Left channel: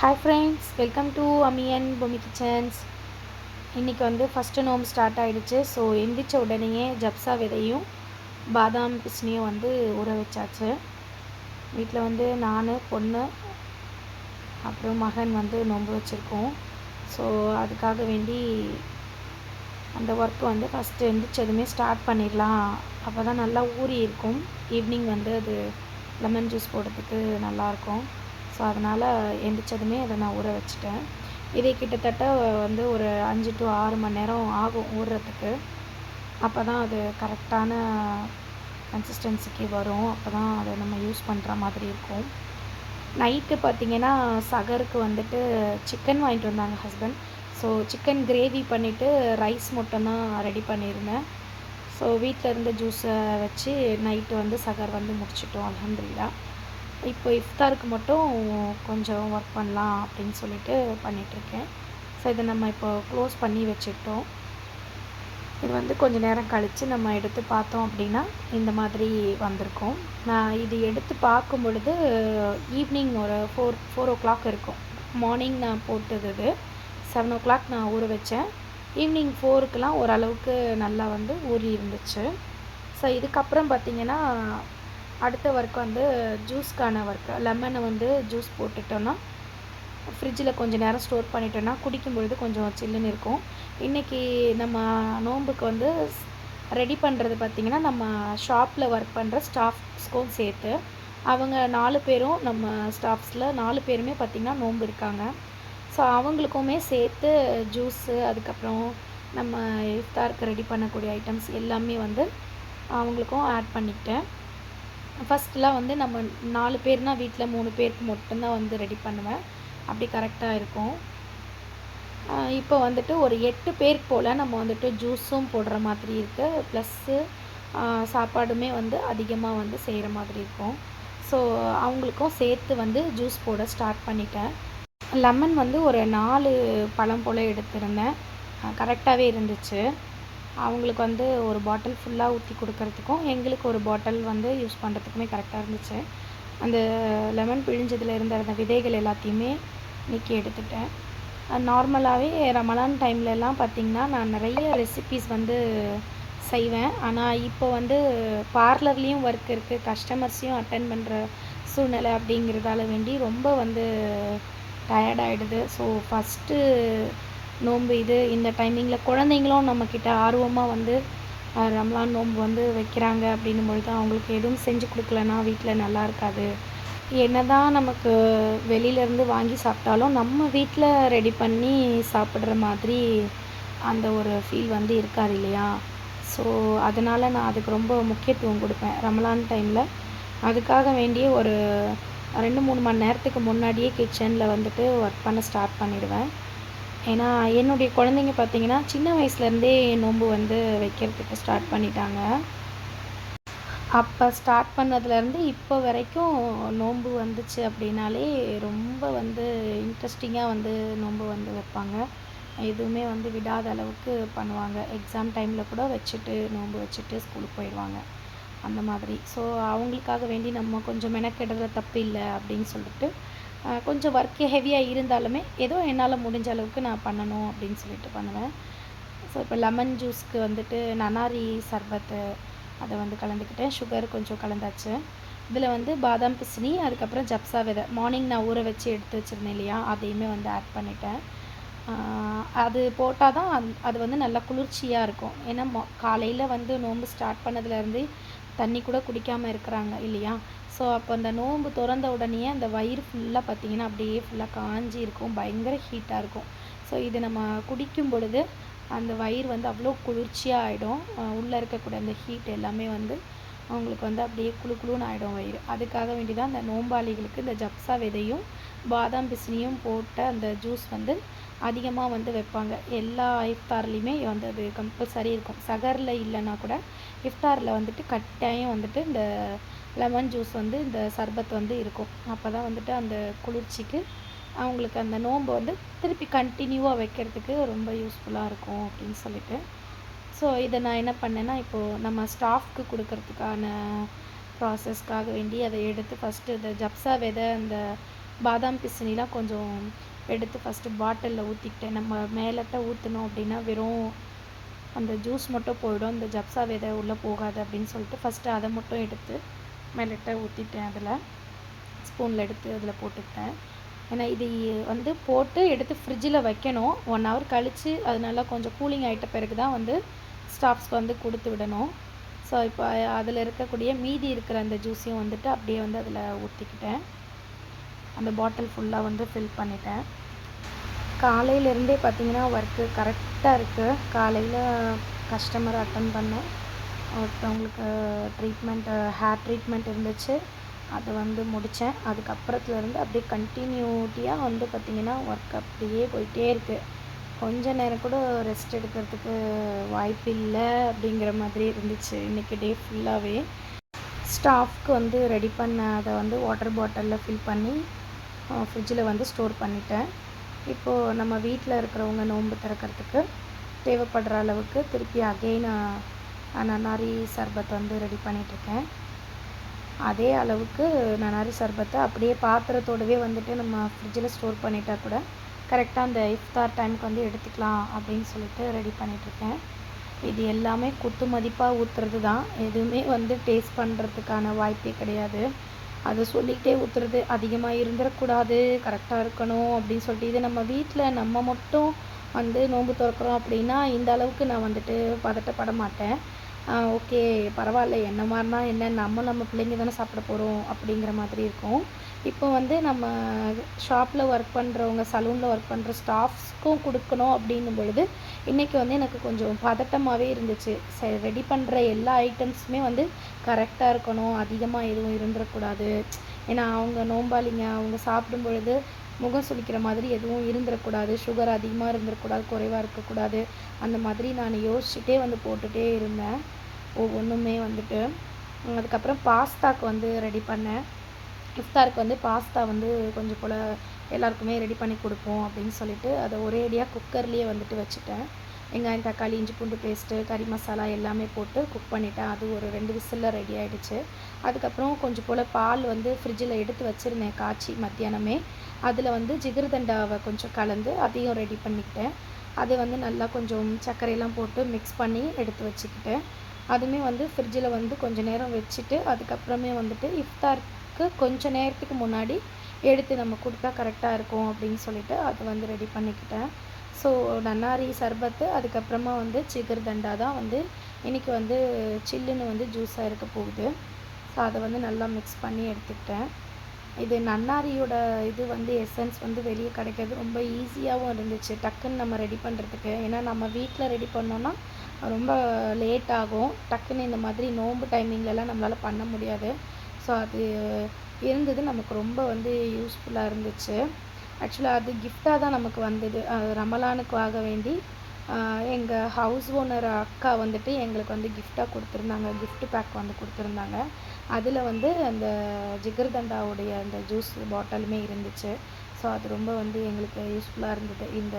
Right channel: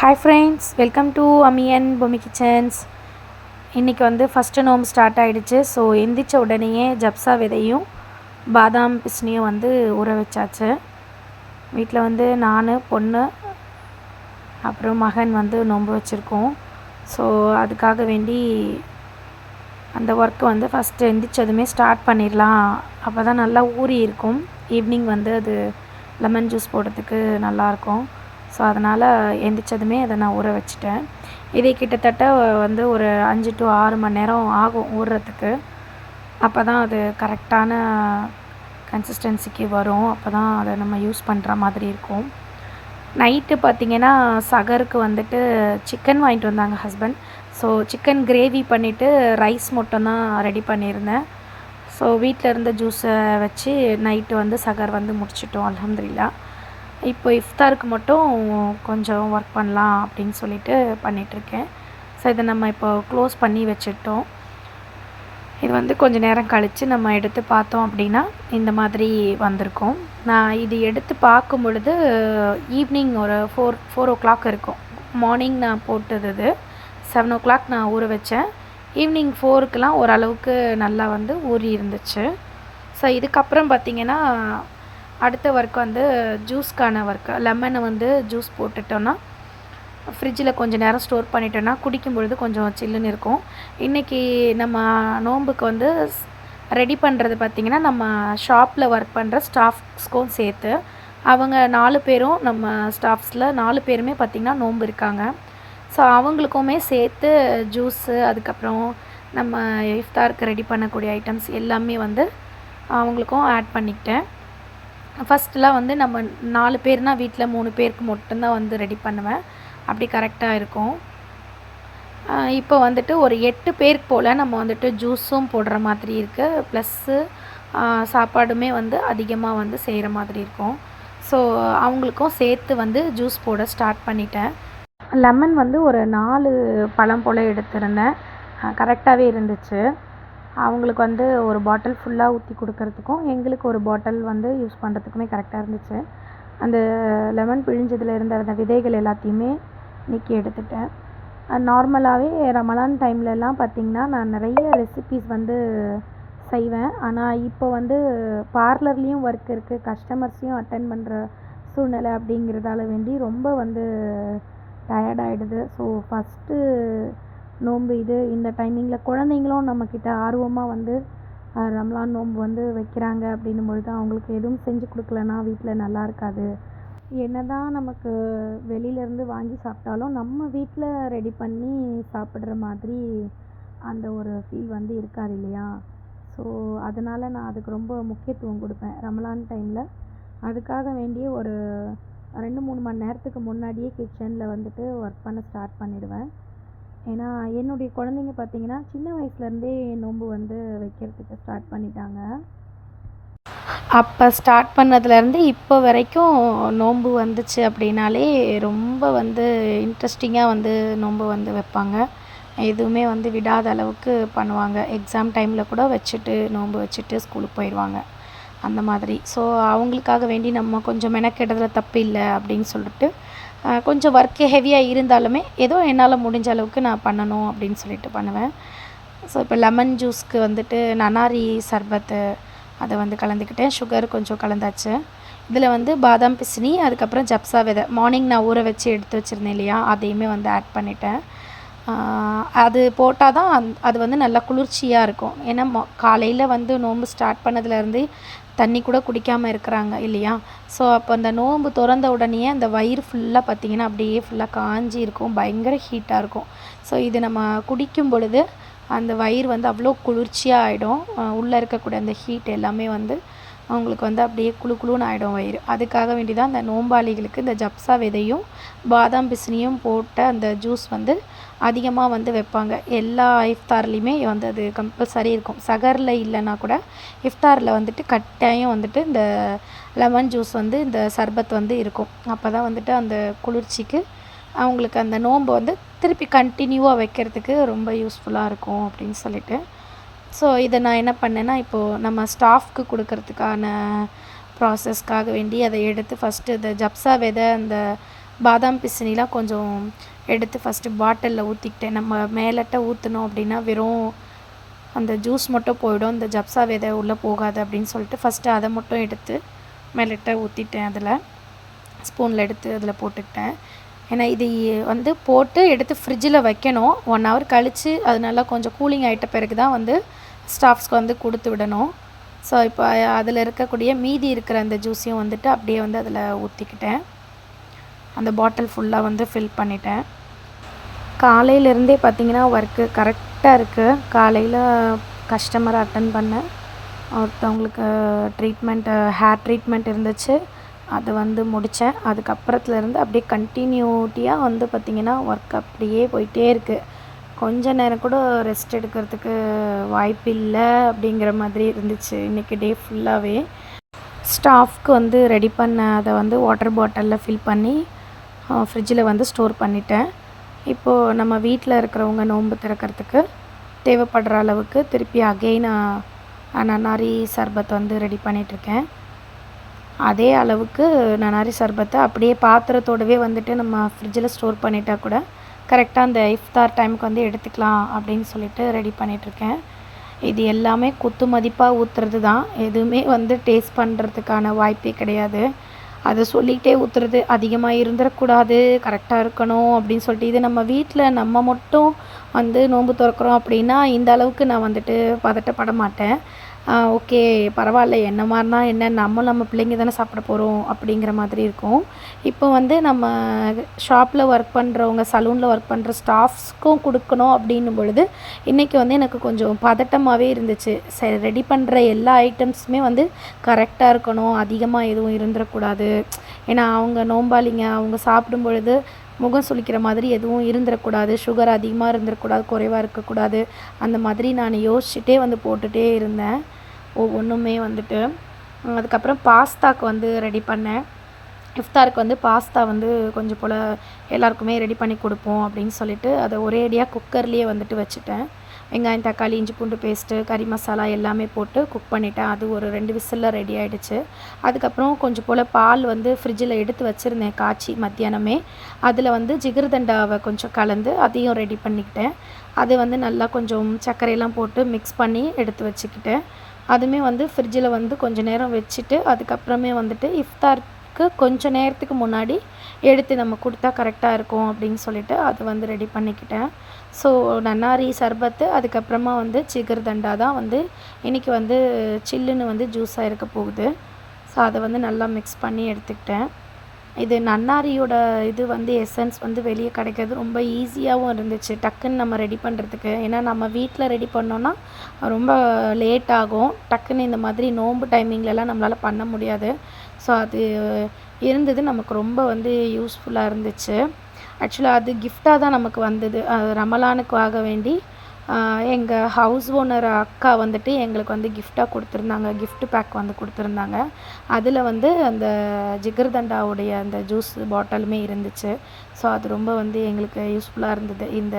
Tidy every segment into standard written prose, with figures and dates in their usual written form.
Hi friends, welcome to அம்மி and Bommi kitchens. இன்றைக்கி வந்து ஃபஸ்ட்டு நோம்பு ஸ்டார்ட் ஆகிடுச்சு. ஸோ எந்திரிச்ச உடனேயே ஜப்சா விதையும் பாதாம் பிஸ்னியும் வந்து ஊற வச்சாச்சு. வீட்டில் வந்து நான், பொண்ணு, அப்புறம் மகன் வந்து நோம்பு வச்சுருக்கோம். ஸோ அதுக்காக வேண்டி அந்த ஒர்க்கு வந்து ஃபஸ்ட்டு எந்திரிச்சதுமே ஸ்டார்ட் பண்ணிடலாம். அப்போ தான் நல்லா ஊறி இருக்கும். ஈவினிங் வந்து அது லெமன் ஜூஸ் போடுறதுக்கு நல்லாயிருக்கும். ஸோ அதனால் எந்திரிச்சதுமே அதை நான் ஊற வச்சுட்டேன். இதே கிட்டத்தட்ட வந்து ஒரு 5 to 6 மணி நேரம் ஆகும் ஊறுறதுக்கு. அப்போ தான் அது கரெக்டான கன்சிஸ்டன்சிக்கு வரும். அப்போ தான் அதை நம்ம யூஸ் பண்ணுற மாதிரி இருக்கும். நைட்டு பார்த்திங்கன்னா சகருக்கு வந்துட்டு சிக்கன் வாங்கிட்டு வந்தாங்க ஹஸ்பண்ட். ஸோ சிக்கன் கிரேவி பண்ணிவிட்டு ரைஸ் மட்டும்தான் ரெடி பண்ணியிருந்தேன். ஸோ வீட்டில் இருந்த ஜூஸை வச்சு நைட்டு வந்து சகர் வந்து முடிச்சிட்டோம், அல்ஹம்துலில்லாஹ். இப்போ இஃப்தாருக்கு மட்டும் கொஞ்சம் ஒர்க் பண்ணலாம் அப்படின்னு சொல்லிட்டு பண்ணிகிட்ருக்கேன். ஸோ இதை நம்ம இப்போ க்ளோஸ் பண்ணி வச்சுட்டோம். இது வந்து கொஞ்சம் நேரம் கழித்து நம்ம எடுத்து பார்த்தோம் அப்படின்னா இந்த மாதிரி வந்திருக்கும். நான் இது எடுத்து பார்க்கும் பொழுது ஈவினிங் ஒரு 4 o'clock இருக்கும். மார்னிங் நான் போட்டது இது 7 o'clock நான் ஊற வச்சேன். ஈவினிங் 4க்குலாம் ஓரளவுக்கு நல்லா வந்து ஊறி இருந்துச்சு. ஸோ இதுக்கப்புறம் பார்த்திங்கன்னா அடுத்த ஒர்க் வந்து ஜூஸ்க்கான ஒர்க்கு. லெமனை வந்து ஜூஸ் போட்டுட்டோன்னா ஃப்ரிட்ஜில் கொஞ்சம் நேரம் ஸ்டோர் பண்ணிட்டோன்னா குடிக்கும் பொழுது கொஞ்சம் சில்லுன்னு இருக்கும். இன்றைக்கி நம்ம நோன்புக்கு வந்து ரெடி பண்ணுறது பார்த்திங்கன்னா நம்ம ஷாப்பில் ஒர்க் பண்ணுற ஸ்டாஃப்ஸ்க்கும் சேர்த்து அவங்க 4 பேரும் நம்ம ஸ்டாஃப்ஸில் 4 பேருமே பார்த்திங்கன்னா நோன்பு இருக்காங்க. ஸோ அவங்களுக்குமே சேர்த்து ஜூஸு, அதுக்கப்புறம் நம்ம இஃப்தாருக்கு ரெடி பண்ணக்கூடிய ஐட்டம்ஸ் எல்லாமே வந்து அவங்களுக்கும் ஆட் பண்ணிக்கிட்டேன். ஃபஸ்ட்டெலாம் வந்து நம்ம 4 பேர்னால் வீட்டில் 3 பேருக்கு மட்டும்தான் வந்து ரெடி பண்ணுவேன். அப்படி கரெக்டாக இருக்கும். இப்போ வந்துட்டு ஒரு 8 பேருக்கு போல் நம்ம வந்துட்டு ஜூஸும் போடுற மாதிரி இருக்குது. ப்ளஸ்ஸு சாப்பாடுமே வந்து அதிகமாக வந்து செய்கிற மாதிரி இருக்கும். ஸோ அவங்களுக்கும் சேர்த்து வந்து ஜூஸ் போட ஸ்டார்ட் பண்ணிட்டேன். லெமன் வந்து ஒரு 4 பழம் போல் எடுத்திருந்தேன். கரெக்டாகவே இருந்துச்சு. அவங்களுக்கு வந்து ஒரு பாட்டில் ஃபுல்லாக ஊற்றி கொடுக்கறதுக்கும் எங்களுக்கு ஒரு பாட்டில் வந்து யூஸ் பண்ணுறதுக்குமே கரெக்டாக இருந்துச்சு. அந்த லெமன் பிழிஞ்சதில் இருந்த அந்த விதைகள் எல்லாத்தையுமே நீக்கி எடுத்துட்டேன். நார்மலாகவே ரமலான் டைம்லலாம் பார்த்திங்கன்னா நான் நிறைய ரெசிபீஸ் வந்து செய்வேன். ஆனால் இப்போ வந்து பார்லர்லேயும் ஒர்க் இருக்குது, கஸ்டமர்ஸையும் அட்டென்ட் பண்ணுற சூழ்நிலை அப்படிங்கிறதால வேண்டி ரொம்ப வந்து டயர்டாகிடுது. ஸோ ஃபஸ்ட்டு நோன்பு இது. இந்த டைமிங்கில் குழந்தைங்களும் நம்மக்கிட்ட ஆர்வமாக வந்து ரம்லான் நோன்பு வந்து வைக்கிறாங்க அப்படின்னும் பொழுது அவங்களுக்கு எதுவும் செஞ்சு கொடுக்கலன்னா வீட்டில் நல்லா இருக்காது. என்ன தான் நமக்கு வெளியிலேருந்து வாங்கி சாப்பிட்டாலும் நம்ம வீட்டில் ரெடி பண்ணி சாப்பிட்ற மாதிரி அந்த ஒரு ஃபீல் வந்து இருக்காது இல்லையா? ஸோ அதனால் நான் அதுக்கு ரொம்ப முக்கியத்துவம் கொடுப்பேன் ரமலான் டைமில். அதுக்காக வேண்டிய ஒரு 2-3 மணி நேரத்துக்கு முன்னாடியே கிச்சனில் வந்துட்டு ஒர்க் பண்ண ஸ்டார்ட் பண்ணிடுவேன். ஏன்னா என்னுடைய குழந்தைங்க பார்த்திங்கன்னா சின்ன வயசுலேருந்தே நோன்பு வந்து வைக்கிறதுக்கு ஸ்டார்ட் பண்ணிட்டாங்க. அப்போ ஸ்டார்ட் பண்ணதுலேருந்து இப்போ வரைக்கும் நோன்பு வந்துச்சு அப்படின்னாலே ரொம்ப வந்து இன்ட்ரெஸ்டிங்காக வந்து நோன்பு வந்து வைப்பாங்க. எதுவுமே வந்து விடாத அளவுக்கு பண்ணுவாங்க. எக்ஸாம் டைமில் கூட வச்சுட்டு நோன்பு வச்சுட்டு ஸ்கூலுக்கு போயிடுவாங்க அந்த மாதிரி. ஸோ அவங்களுக்காக வேண்டி நம்ம கொஞ்சம் மெனக்கெடுறதுல தப்பு இல்லை அப்படின்னு சொல்லிட்டு கொஞ்சம் ஒர்க்கு ஹெவியாக இருந்தாலுமே ஏதோ என்னால் முடிஞ்ச அளவுக்கு நான் பண்ணணும் அப்படின்னு சொல்லிட்டு பண்ணுவேன். ஸோ இப்போ லெமன் ஜூஸ்க்கு வந்துட்டு நன்னாரி சர்பத்து அதை வந்து கலந்துக்கிட்டேன். சுகர் கொஞ்சம் கலந்தாச்சு. இதில் வந்து பாதாம் பிசினி, அதுக்கப்புறம் ஜப்சா விதை மார்னிங் நான் ஊற வச்சு எடுத்து வச்சுருந்தேன் இல்லையா, அதையுமே வந்து ஆட் பண்ணிட்டேன். அது போட்டால் தான் அது வந்து நல்லா குளிர்ச்சியாக இருக்கும். ஏன்னா காலையில் வந்து நோன்பு ஸ்டார்ட் பண்ணதுலேருந்து தண்ணி கூட குடிக்காமல் இருக்கிறாங்க இல்லையா? ஸோ அப்போ அந்த நோன்பு திறந்த உடனே அந்த வயிறு ஃபுல்லாக பார்த்திங்கன்னா அப்படியே ஃபுல்லாக காஞ்சி இருக்கும், பயங்கர ஹீட்டாக இருக்கும். ஸோ இது நம்ம குடிக்கும் பொழுது அந்த வயிறு வந்து அவ்வளோ குளிர்ச்சியாக ஆகிடும். உள்ளே இருக்கக்கூடிய அந்த ஹீட் எல்லாமே வந்து அவங்களுக்கு வந்து அப்படியே குளு குளுன்னு ஆகிடும் வயிறு. அதுக்காக வேண்டி தான் அந்த நோம்பாளிகளுக்கு இந்த ஜப்சா விதையும் பாதாம் பிசினியும் போட்ட அந்த ஜூஸ் வந்து அதிகமாக வந்து வைப்பாங்க. எல்லா இஃப்தார்லேயுமே வந்து அது கம்பல்சரி இருக்கும். சகரில் இல்லைன்னா கூட இஃப்தாரில் வந்துட்டு கட்டாயம் வந்துட்டு இந்த லெமன் ஜூஸ் வந்து இந்த சர்பத் வந்து இருக்கும். அப்போ தான் வந்துட்டு அந்த குளிர்ச்சிக்கு அவங்களுக்கு அந்த நோன்பு வந்து திருப்பி கண்டினியூவாக வைக்கிறதுக்கு ரொம்ப யூஸ்ஃபுல்லாக இருக்கும் அப்படின்னு சொல்லிட்டு. ஸோ இதை நான் என்ன பண்ணேன்னா, இப்போது நம்ம ஸ்டாஃப்க்கு கொடுக்கறதுக்கான ப்ராசஸ்க்காக வேண்டி அதை எடுத்து ஃபஸ்ட்டு இந்த ஜப்சா விதை அந்த பாதாம் பிசினிலாம் கொஞ்சம் எடுத்து ஃபஸ்ட்டு பாட்டிலில் ஊற்றிக்கிட்டேன். நம்ம மேலட்ட ஊற்றினோம் அப்படின்னா வெறும் அந்த ஜூஸ் மட்டும் போயிடும், இந்த ஜப்சா விதை உள்ளே போகாது அப்படின்னு சொல்லிட்டு ஃபஸ்ட்டு அதை மட்டும் எடுத்து மேலட்ட ஊற்றிட்டேன். அதில் ஸ்பூனில் எடுத்து அதில் போட்டுக்கிட்டேன். ஏன்னா இது வந்து போட்டு எடுத்து ஃப்ரிட்ஜில் வைக்கணும். 1 hour கழித்து அது நல்லா கொஞ்சம் கூலிங் ஆகிட்ட பிறகு தான் வந்து ஸ்டாஃப்ஸ்க்கு வந்து கொடுத்து விடணும். ஸோ இப்போ அதில் இருக்கக்கூடிய மீதி இருக்கிற அந்த ஜூஸையும் வந்துட்டு அப்படியே வந்து அதில் ஊற்றிக்கிட்டேன். அந்த பாட்டில் ஃபுல்லாக வந்து ஃபில் பண்ணிட்டேன். காலையிலேருந்தே பார்த்திங்கன்னா ஒர்க்கு கரெக்டாக இருக்குது. காலையில் கஸ்டமரை அட்டன் பண்ணேன். ஒருத்தவங்களுக்கு ஹேர் ட்ரீட்மெண்ட் இருந்துச்சு, அது வந்து முடித்தேன். அதுக்கப்புறத்துலேருந்து அப்படியே கண்டினியூட்டியாக வந்து பார்த்திங்கன்னா ஒர்க் அப்படியே போயிட்டே இருக்குது. கொஞ்ச நேரம் கூட ரெஸ்ட் எடுக்கிறதுக்கு வாய்ப்பு இல்லை அப்படிங்கிற மாதிரி இருந்துச்சு இன்றைக்கி டே ஃபுல்லாகவே. ஸ்டாஃப்க்கு வந்து ரெடி பண்ண அதை வந்து வாட்டர் பாட்டிலில் ஃபில் பண்ணி ஃப்ரிட்ஜில் வந்து ஸ்டோர் பண்ணிட்டேன். இப்போது நம்ம வீட்டில் இருக்கிறவங்க நோன்பு திறக்கிறதுக்கு தேவைப்படுற அளவுக்கு திருப்பி அகெயின் நன்னாரி சர்பத் வந்து ரெடி பண்ணிகிட்ருக்கேன். அதே அளவுக்கு நன்னாரி சர்பத்தை அப்படியே பாத்திரத்தோடவே வந்துட்டு நம்ம ஃப்ரிட்ஜில் ஸ்டோர் பண்ணிட்டா கூட கரெக்டாக அந்த இஃப்தார் டைமுக்கு வந்து எடுத்துக்கலாம் அப்படின்னு சொல்லிட்டு ரெடி பண்ணிகிட்ருக்கேன். இது எல்லாமே குத்து மதிப்பாக ஊற்றுறது தான், எதுவுமே வந்து டேஸ்ட் பண்ணுறதுக்கான வாய்ப்பே கிடையாது. அதை சொல்லிகிட்டே ஊற்றுறது, அதிகமாக இருந்துடக்கூடாது, கரெக்டாக இருக்கணும் அப்படின்னு சொல்லிட்டு. இது நம்ம வீட்டில் நம்ம மட்டும் வந்து நோன்பு திறக்கிறோம் அப்படின்னா இந்த அளவுக்கு நான் வந்துட்டு பதட்டப்பட மாட்டேன். ஓகே பரவாயில்ல, என்ன மாதிரினா என்ன, நம்ம பிள்ளைங்க தானே சாப்பிட போகிறோம் அப்படிங்கிற மாதிரி இருக்கும். இப்போ வந்து நம்ம ஷாப்பில் ஒர்க் பண்ணுறவங்க, சலூனில் ஒர்க் பண்ணுற ஸ்டாஃப்ஸ்க்கும் கொடுக்கணும் அப்படின்னும் பொழுது இன்றைக்கி வந்து எனக்கு கொஞ்சம் பதட்டமாகவே இருந்துச்சு. சரி, ரெடி பண்ணுற எல்லா ஐட்டம்ஸுமே வந்து கரெக்டாக இருக்கணும், அதிகமாக எதுவும் இருந்துடக்கூடாது. ஏன்னா அவங்க நோம்பாளிங்க, அவங்க சாப்பிடும் பொழுது முகம் சுளிக்கிற மாதிரி எதுவும் இருந்துடக்கூடாது, சுகர் அதிகமாக இருந்துடக்கூடாது, குறைவாக இருக்கக்கூடாது. அந்த மாதிரி நான் யோசிச்சுட்டே வந்து போட்டுகிட்டே இருந்தேன் ஒவ்வொன்றுமே வந்துட்டு. அதுக்கப்புறம் பாஸ்தாக்கு வந்து ரெடி பண்ணேன். இஃப்தாருக்கு வந்து பாஸ்தா வந்து கொஞ்சம் போல் எல்லாருக்குமே ரெடி பண்ணி கொடுப்போம் அப்படின்னு சொல்லிட்டு அதை ஒரேடியாக குக்கர்லேயே வந்துட்டு வச்சுட்டேன். வெங்காயம், தக்காளி, இஞ்சி பூண்டு பேஸ்ட்டு, கறி மசாலா எல்லாமே போட்டு குக் பண்ணிட்டேன். அது ஒரு 2 விசிலில் ரெடி ஆகிடுச்சு. அதுக்கப்புறம் கொஞ்சம் போல் பால் வந்து ஃப்ரிட்ஜில் எடுத்து வச்சுருந்தேன் காய்ச்சி மத்தியானமே. அதில் வந்து ஜிகர்தண்டாவை கொஞ்சம் கலந்து அதையும் ரெடி பண்ணிக்கிட்டேன். அது வந்து நல்லா கொஞ்சம் சர்க்கரையெல்லாம் போட்டு மிக்ஸ் பண்ணி எடுத்து வச்சுக்கிட்டேன். அதுவுமே வந்து ஃப்ரிட்ஜில் வந்து கொஞ்சம் நேரம் வச்சுட்டு அதுக்கப்புறமே வந்துட்டு இஃப்தாருக்கு கொஞ்சம் நேரத்துக்கு முன்னாடி எடுத்து நம்ம கொடுத்தா கரெக்டாக இருக்கும் அப்படின்னு சொல்லிட்டு அது வந்து ரெடி பண்ணிக்கிட்டேன். ஸோ நன்னாரி சர்பத்து, அதுக்கப்புறமா வந்து ஜிகர்தண்டா தான் வந்து இன்றைக்கி வந்து சில்லுன்னு வந்து ஜூஸாக இருக்க போகுது. ஸோ அதை வந்து நல்லா மிக்ஸ் பண்ணி எடுத்துக்கிட்டேன். இது நன்னாரியோட இது வந்து எசன்ஸ் வந்து வெளியே கிடைக்கிறது ரொம்ப ஈஸியாகவும் இருந்துச்சு, டக்குன்னு நம்ம ரெடி பண்ணுறதுக்கு. ஏன்னா நம்ம வீட்டில் ரெடி பண்ணோன்னா ரொம்ப லேட் ஆகும். டக்குன்னு இந்த மாதிரி நோன்பு டைமிங்லலாம் நம்மளால் பண்ண முடியாது. ஸோ அது இருந்தது, நமக்கு ரொம்ப வந்து யூஸ்ஃபுல்லாக இருந்துச்சு. ஆக்சுவலாக அது கிஃப்டாக தான் நமக்கு வந்தது. ரமலானுக்காக வேண்டி எங்கள் ஹவுஸ் ஓனர் அக்கா வந்துட்டு எங்களுக்கு வந்து கிஃப்டாக கொடுத்துருந்தாங்க, கிஃப்ட் பேக் வந்து கொடுத்துருந்தாங்க. அதில் வந்து அந்த ஜிகர்தண்டாவுடைய அந்த ஜூஸ் பாட்டிலுமே இருந்துச்சு. ஸோ அது ரொம்ப வந்து எங்களுக்கு யூஸ்ஃபுல்லாக இருந்தது இந்த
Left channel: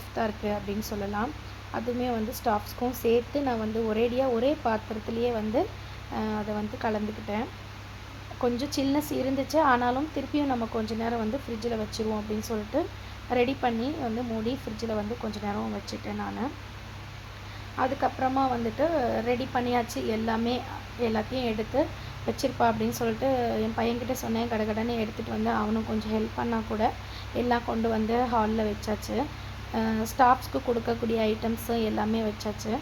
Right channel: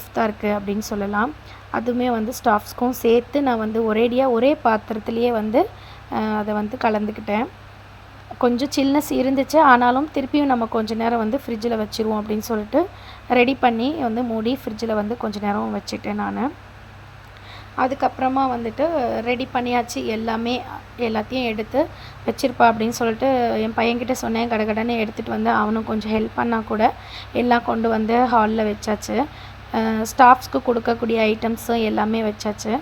இஃப்தாருக்கு அப்படின்னு சொல்லலாம். அதுவுமே வந்து ஸ்டாஃப்ஸ்க்கும் சேர்த்து நான் வந்து ஒரே பாத்திரத்துலேயே வந்து அதை வந்து கலந்துக்கிட்டேன். கொஞ்சம் சில்னஸ் இருந்துச்சு, ஆனாலும் திருப்பியும் நம்ம கொஞ்சம் நேரம் வந்து ஃப்ரிட்ஜில் வச்சுருவோம் அப்படின்னு சொல்லிட்டு ரெடி பண்ணி வந்து மூடி ஃப்ரிட்ஜில் வந்து கொஞ்சம் நேரம் வச்சுட்டேன் நான். அதுக்கப்புறமா வந்துட்டு ரெடி பண்ணியாச்சு, எல்லாத்தையும் எடுத்து வச்சுருப்பா அப்படின்னு சொல்லிட்டு என் பையன்கிட்ட சொன்னேன். கடகடன்னு எடுத்துகிட்டு வந்து அவனும் கொஞ்சம் ஹெல்ப் பண்ணால் கூட எல்லாம் கொண்டு வந்து ஹாலில் வச்சாச்சு. ஸ்டாஃப்ஸ்க்கு கொடுக்கக்கூடிய ஐட்டம்ஸும் எல்லாமே வச்சாச்சு.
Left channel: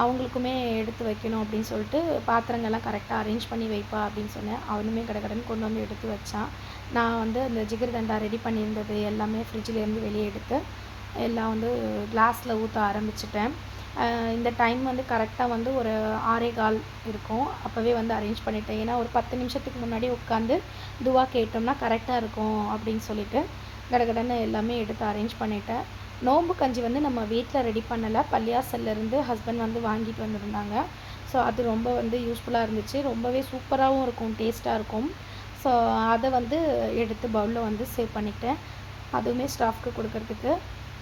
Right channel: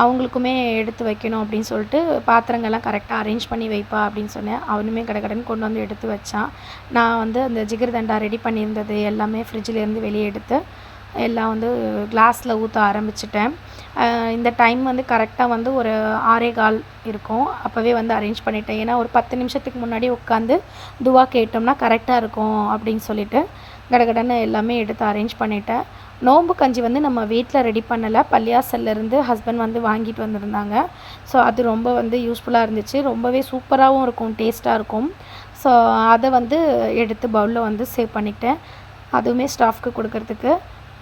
அவங்களுக்குமே எடுத்து வைக்கணும் அப்படின்னு சொல்லிட்டு பாத்திரங்கள்லாம் கரெக்டாக அரேஞ்ச் பண்ணி வைப்பா அப்படின்னு சொன்னேன். அவனுமே கடகடன்னு கொண்டு வந்து எடுத்து வச்சான். நான் வந்து அந்த ஜிகர்தண்டா ரெடி பண்ணியிருந்தது எல்லாமே ஃப்ரிட்ஜிலேருந்து வெளியே எடுத்து எல்லாம் வந்து கிளாஸில் ஊற்ற ஆரம்பிச்சிட்டேன். இந்த டைம் வந்து கரெக்டாக வந்து ஒரு 6:15 இருக்கும். அப்போவே வந்து அரேஞ்ச் பண்ணிட்டேன். ஏன்னா ஒரு 10 நிமிஷத்துக்கு முன்னாடி உட்காந்து துவா கேட்டோம்னா கரெக்டாக இருக்கும் அப்படின்னு சொல்லிட்டு கடகடன்னு எல்லாமே எடுத்து அரேஞ்ச் பண்ணிட்டேன். நோம்பு கஞ்சி வந்து நம்ம வீட்டில் ரெடி பண்ணலை, பள்ளியாசல்லேருந்து ஹஸ்பண்ட் வந்து வாங்கிட்டு வந்திருந்தாங்க. ஸோ அது ரொம்ப வந்து யூஸ்ஃபுல்லாக இருந்துச்சு, ரொம்பவே சூப்பராகவும் இருக்கும், டேஸ்ட்டாக இருக்கும். ஸோ அதை வந்து எடுத்து பவுலில் வந்து சேவ் பண்ணிக்கிட்டேன், அதுவுமே ஸ்டாஃப்க்கு கொடுக்கறதுக்கு.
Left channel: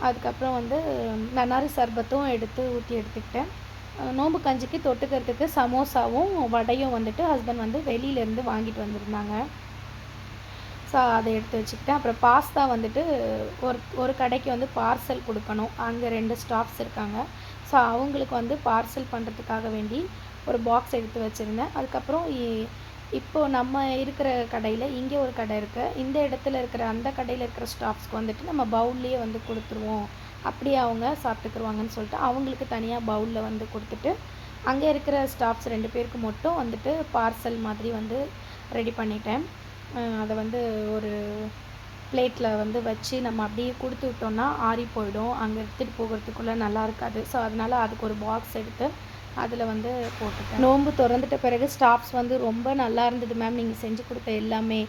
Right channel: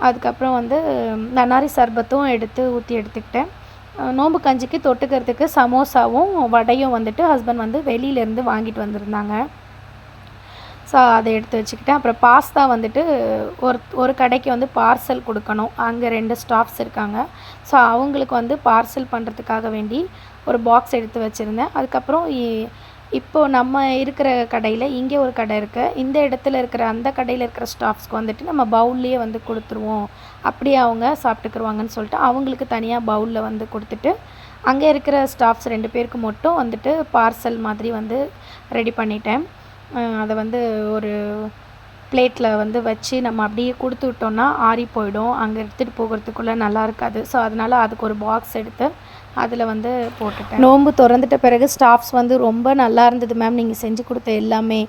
அதுக்கப்புறம் வந்து நன்னாரி சர்பத்தும் ஊற்றி எடுத்துக்கிட்டேன். நோம்பு கஞ்சிக்கு தொட்டுக்கிறதுக்கு சமோசாவும் வடையும் வந்துட்டு ஹஸ்பண்ட் வந்து வெளியிலேருந்து வாங்கிட்டு வந்திருந்தாங்க. ஸோ அதை எடுத்து வச்சுக்கிட்டேன். அப்புறம் பாஸ்தா வந்துட்டு ஒரு கடைக்கு வந்து பார்சல் கொடுக்கணும். அங்கே 2 ஸ்டாஃப்ஸ் இருக்காங்க. ஸோ அவங்களுக்கு வந்து பார்சல் பண்ணுறதுக்காக வேண்டி ஒரு பாக்ஸ் எடுத்து வச்சுருந்தேன். அதுக்கப்புறம் இப்போது நம்ம இருக்கிற கடையில் இங்கே ஒரு கடை இருக்குது. இந்த இடத்துல இருக்கிற அந்த கடையில் இருக்கிற ஸ்டாஃப்ஸ்க்கு வந்துட்டு நம்ம பவுல்லையே வந்து கொடுத்துருவோம். அப்படியே அவங்க சாப்பிட்டுக்குருவாங்கன்னு சொல்லிட்டு அவங்களுக்கு தனியாக பவுலில் வந்து கொடுத்துட்டு, அங்கே இருக்கிற ஸ்டாஃப்ஸ் 2 பேருக்கு மட்டும் வந்துட்டு பார்சல் மாதிரி வந்து ரெடி பண்ணிட்டேன். அதை வந்து ஒரு பிளேட்டில் வந்து வச்சு நம்ம அப்படியே கொடுத்து விட்டோம்னா ஆறி போயிடும். அங்கே எடுத்துகிட்டு போகிறதுக்குள்ளே நல்லா இருக்காது. ஸோ அதனால் அதுக்கு ஒரு பாக்ஸ் எடுத்து அதில் வந்து போட்டுட்டேன். நோன்பு திறந்துட்ட பிறகு ஸ்டாஃப்ஸ் வந்து ரொம்ப நல்லா இருந்தது மேம், நீங்கள் செஞ்சு கொடுத்த எல்லாமே.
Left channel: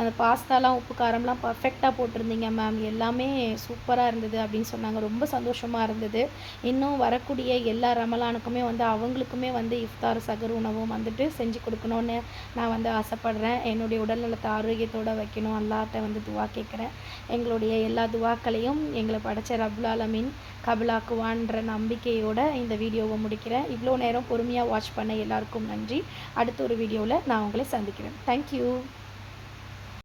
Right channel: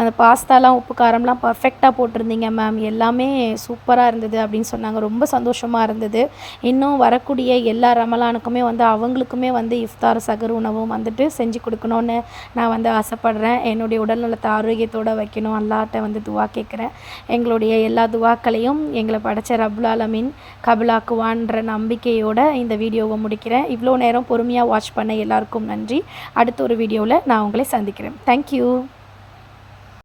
அந்த பாஸ்தாலாம் உப்பு காரம்லாம் பர்ஃபெக்டாக போட்டிருந்தீங்க மேம், எல்லாமே சூப்பராக இருந்தது அப்படின்னு சொன்னாங்க. ரொம்ப சந்தோஷமாக இருந்தது. இன்னும் வரக்கூடிய எல்லா ரமலானுக்குமே வந்து அவங்களுக்குமே வந்து இஃப்தார் சகர் உணவும் வந்துட்டு செஞ்சு கொடுக்கணுன்னு நான் வந்து ஆசைப்பட்றேன். என்னுடைய உடல்நலத்தை ஆரோக்கியத்தோடு வைக்கணும், அல்லாஹ்ட்ட வந்து துவா கேட்குறேன். எங்களுடைய எல்லா துவாக்களையும் எங்களை படைச்ச ரப்புல் ஆலமீன் கபுலாக்குவான்ற நம்பிக்கையோடு இந்த வீடியோவை முடிக்கிறேன். இவ்வளோ நேரம் பொறுமையாக வாட்ச் பண்ண எல்லாருக்கும் நன்றி. அடுத்த ஒரு வீடியோவில் நான் உங்களை சந்திக்கிறேன். தேங்க்யூ.